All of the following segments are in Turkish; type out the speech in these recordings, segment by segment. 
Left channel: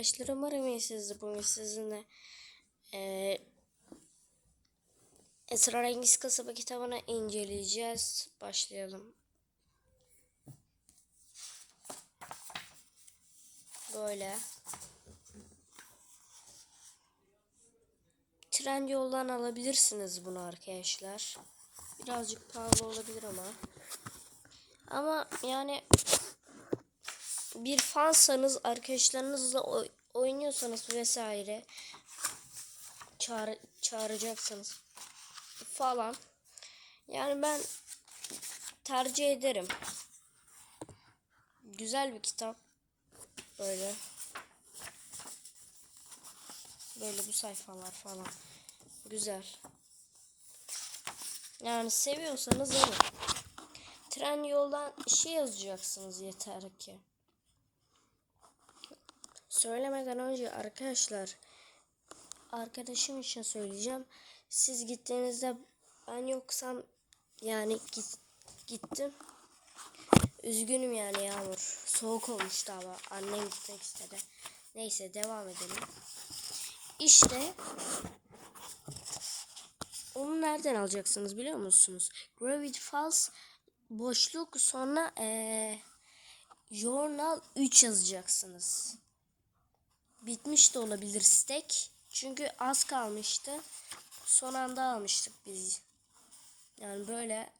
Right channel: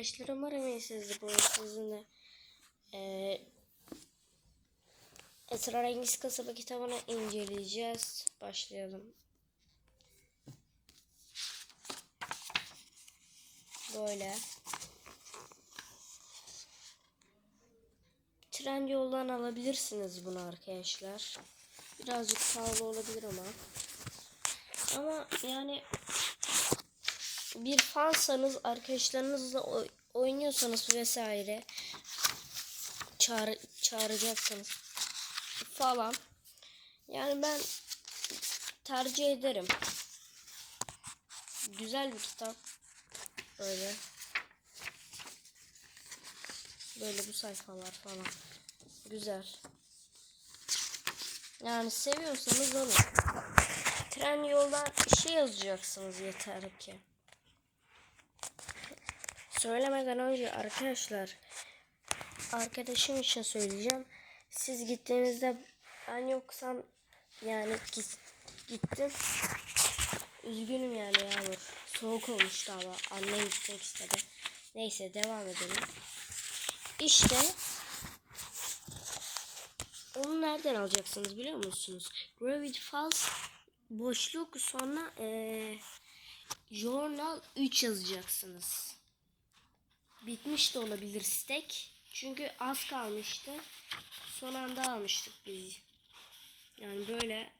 arkadaşlar. Umarım iyisiniz. Bugün sizinle eee Esrarengiz Kasaba kitabını inceleyeceğiz. Başlayalım. Böyle. Tren yoldan alabilirsiniz bunu arkadaşlar. Birazcık pahalı olabilir ama. Ama yani bir fansanız arkadaşlarınızla oy- oynuyorsanız vesaire çağır, çağıracaksınız falan. Yani ben tercih ederim. Güzel bir kitap. Böyle. Böyle bu sayfalar falan. Güzel. Yani seviyorsanız alın. Tren yoldan şey yazacaksınız yeter ki. Söylemeden önce arkadaşlar arkadaşım için söyleyeceğim. Siz gittiğinizde ben yoksam yani git, gittim. Üzgünüm yani Yağmur. Soğuk olmuştu ama annem gitmek istedi. Neyse devam edelim. İşte onu nereden alacaksınız biliyor musunuz? Gravity Falls boşluk sonra eee Journal 3 yazacaksınız. Bitmiş de olabilir stek. Çünkü az kalmıştı. Son anda almıştık biz. Yani böyle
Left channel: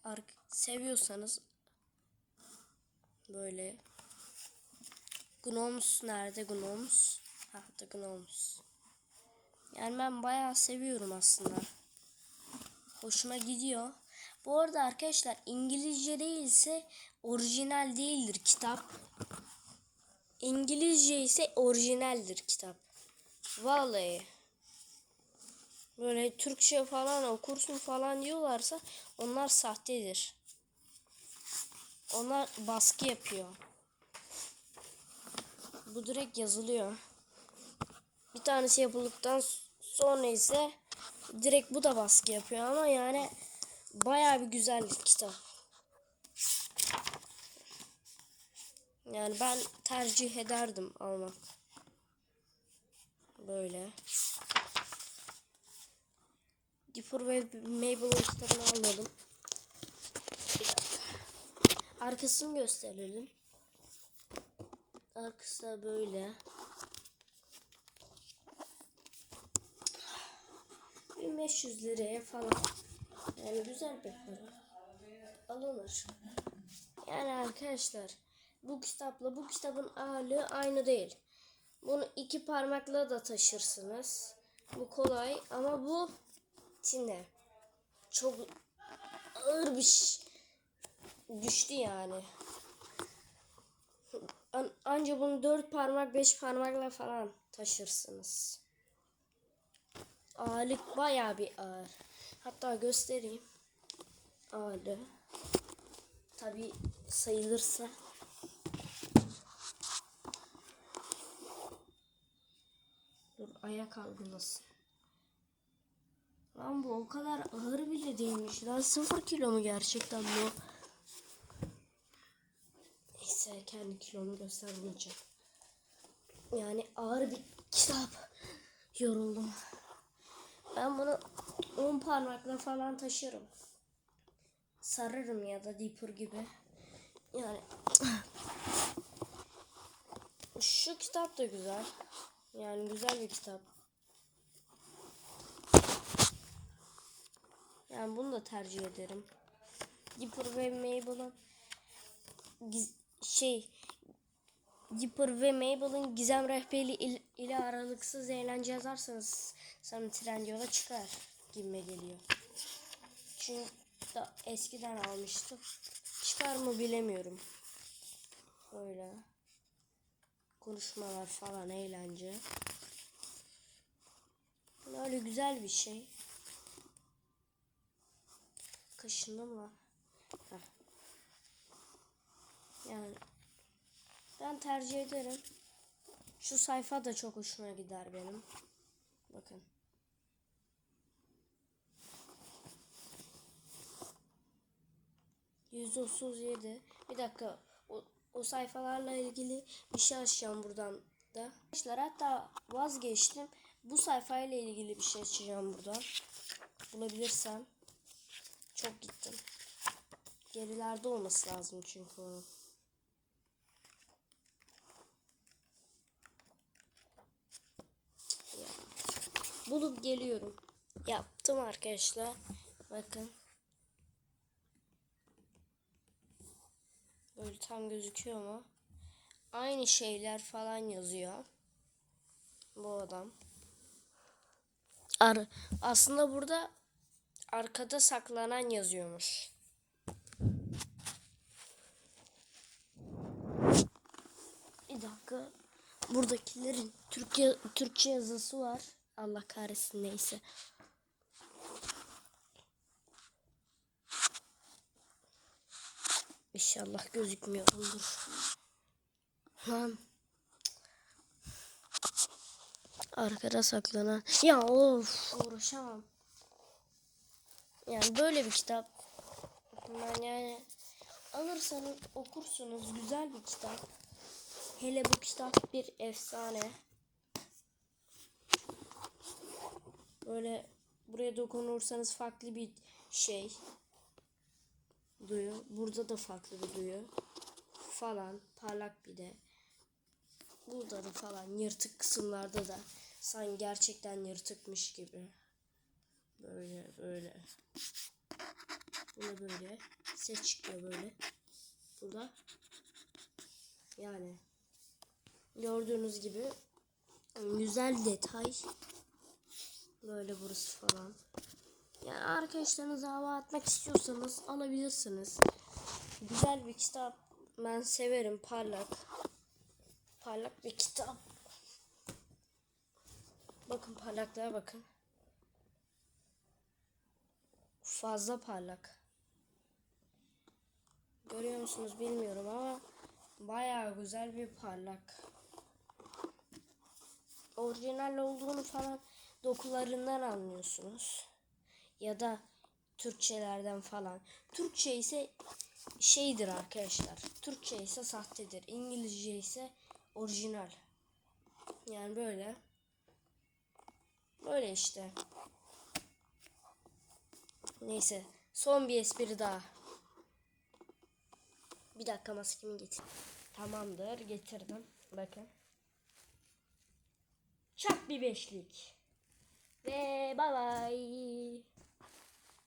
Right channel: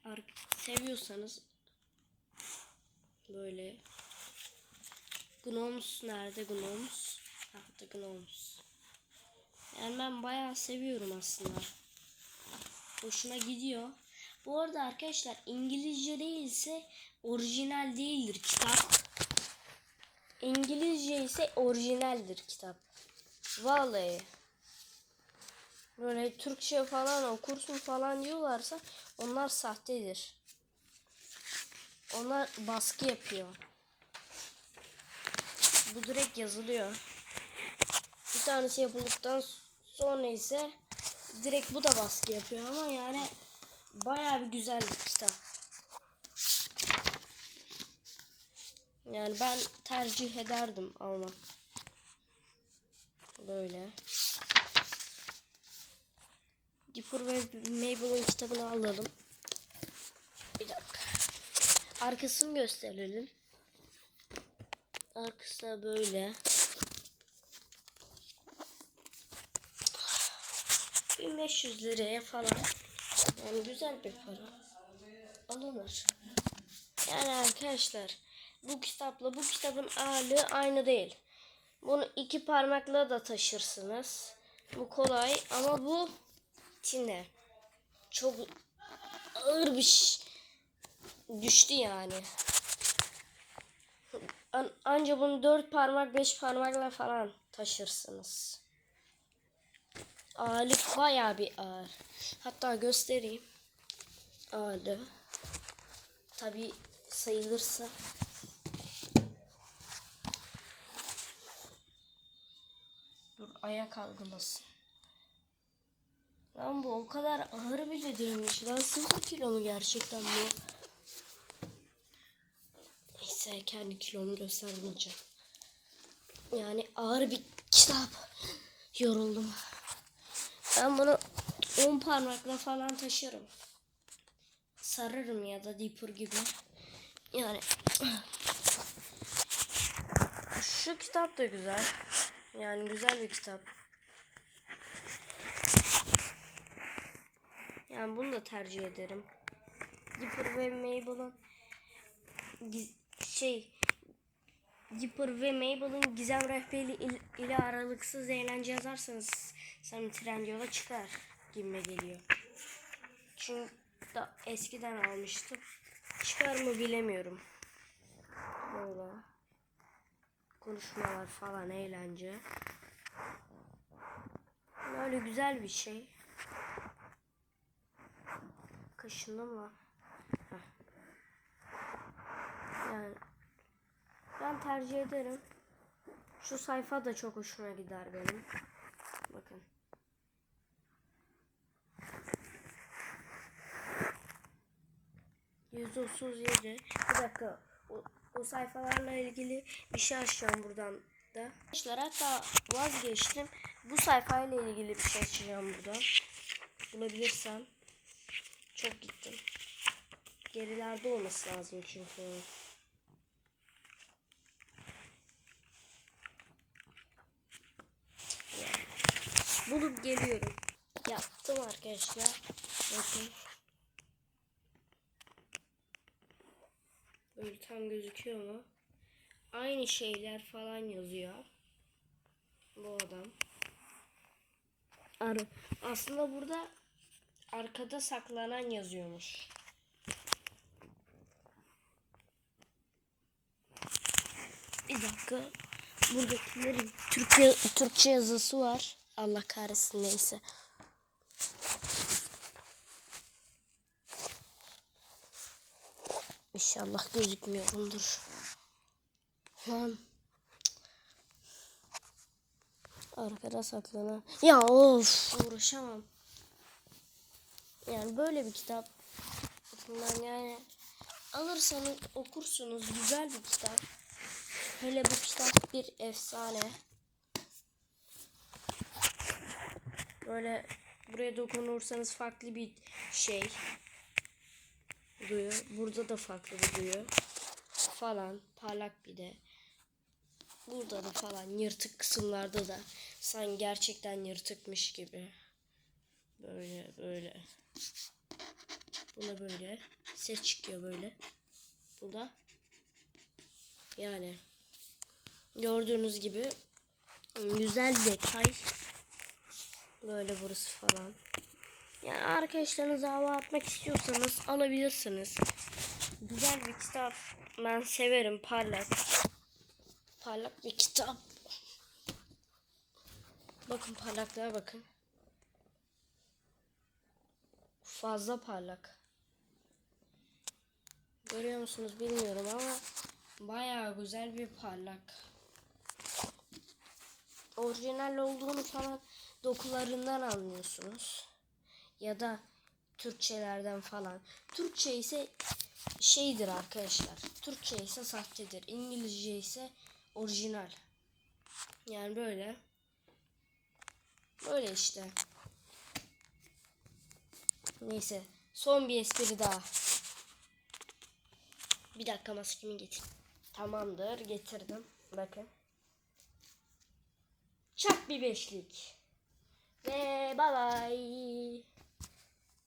seviyorsanız böyle Gnomes nerede Gnomes? Ha da Gnomes. Yani ben bayağı seviyorum aslında. Hoşuma gidiyor. Bu arada arkadaşlar İngilizce değilse orijinal değildir kitap. İngilizce ise orijinaldir kitap. Vallahi. Böyle Türkçe falan okursun falan diyorlarsa onlar sahtedir. Onlar baskı yapıyor. Bu direkt yazılıyor. Bir tanesi yapıldıktan sonra ise direkt bu da baskı yapıyor ama yani bayağı bir güzel bir kitap. Yani ben tercih ederdim almak. Böyle. Dipper ve Mabel'ın kitabını alalım. Bir. Arkasını gösterelim. Arkası da böyle. 1500 liraya falan. Yani güzel bir para. Alınır. Yani arkadaşlar bu kitapla bu kitabın ağırlığı aynı değil. Bunu iki parmakla da taşırsınız. Bu kolay ama bu tine. Çok ağır bir şey. Düştü yani. An- anca bunu dört parmak beş parmakla falan taşırsınız. Ağırlık bayağı bir ağır. Hatta göstereyim. Ağırlığı. Tabi sayılırsın. Dur ayak algılasın. Lan bu o kadar ağır bile değilmiş. Lan sıfır kilo mu gerçekten bu? Neyse kendi kilomu göstermeyeceğim. Yani ağır bir kitap. Yoruldum. Ben bunu 10 parmakla falan taşırım. Sararım ya da dipper gibi. Yani şu kitap da güzel. Yani güzel bir kitap. Yani bunu da tercih ederim. Dipper ve Mabel'ın şey Dipper ve Mabel'ın gizem rehberi il- ile aralıksız eğlence yazarsanız sanırım trend yola çıkar gibime geliyor. Çünkü da eskiden almıştım. Çıkar mı bilemiyorum. Böyle. Konuşmalar falan eğlence. Böyle güzel bir şey. Kaşındı mı? Heh. Yani ben tercih ederim. Şu sayfa da çok hoşuma gider benim. Bakın. Yüzde otuz yedi. Bir dakika. O sayfalarla ilgili bir şey açacağım buradan. da. Arkadaşlar hatta vazgeçtim. Bu sayfayla ilgili bir şey açacağım burada. Bulabilirsem. Çok gittim. Gerilerde olması lazım çünkü. Bulup geliyorum. Yaptım arkadaşlar. Bakın. Böyle tam gözüküyor mu? Aynı şeyler falan yazıyor. Bu adam. Ar aslında burada arkada saklanan yazıyormuş. Bir dakika. Buradakilerin Türkçe, Türkçe yazısı var. Allah kahretsin neyse. İnşallah gözükmüyorumdur. Lan. Arkada saklanan. Ya of uğraşamam. Yani böyle bir kitap. Yani alırsanız okursunuz güzel bir kitap. Hele bu kitap bir efsane. Böyle buraya dokunursanız farklı bir şey duyuyor. Burada da farklı bir duyuyor. Falan parlak bir de. Burada da falan yırtık kısımlarda da sanki gerçekten yırtıkmış gibi. Böyle böyle. Buna böyle ses çıkıyor böyle. Bu da yani gördüğünüz gibi güzel detay. Böyle burası falan. Yani arkadaşlarınıza hava atmak istiyorsanız alabilirsiniz. Güzel bir kitap. Ben severim parlak. Parlak bir kitap. Bakın parlaklığa bakın. Fazla parlak. Görüyor musunuz bilmiyorum ama bayağı güzel bir parlak. Orijinal olduğunu falan dokularından anlıyorsunuz. Ya da Türkçelerden falan. Türkçe ise şeydir arkadaşlar. Türkçe ise sahtedir. İngilizce ise orijinal. Yani böyle. Böyle işte. Neyse. Son bir espri daha. Bir dakika maskemi getir. Tamamdır. Getirdim. Bakın. Çak bir beşlik. Ve bye bye.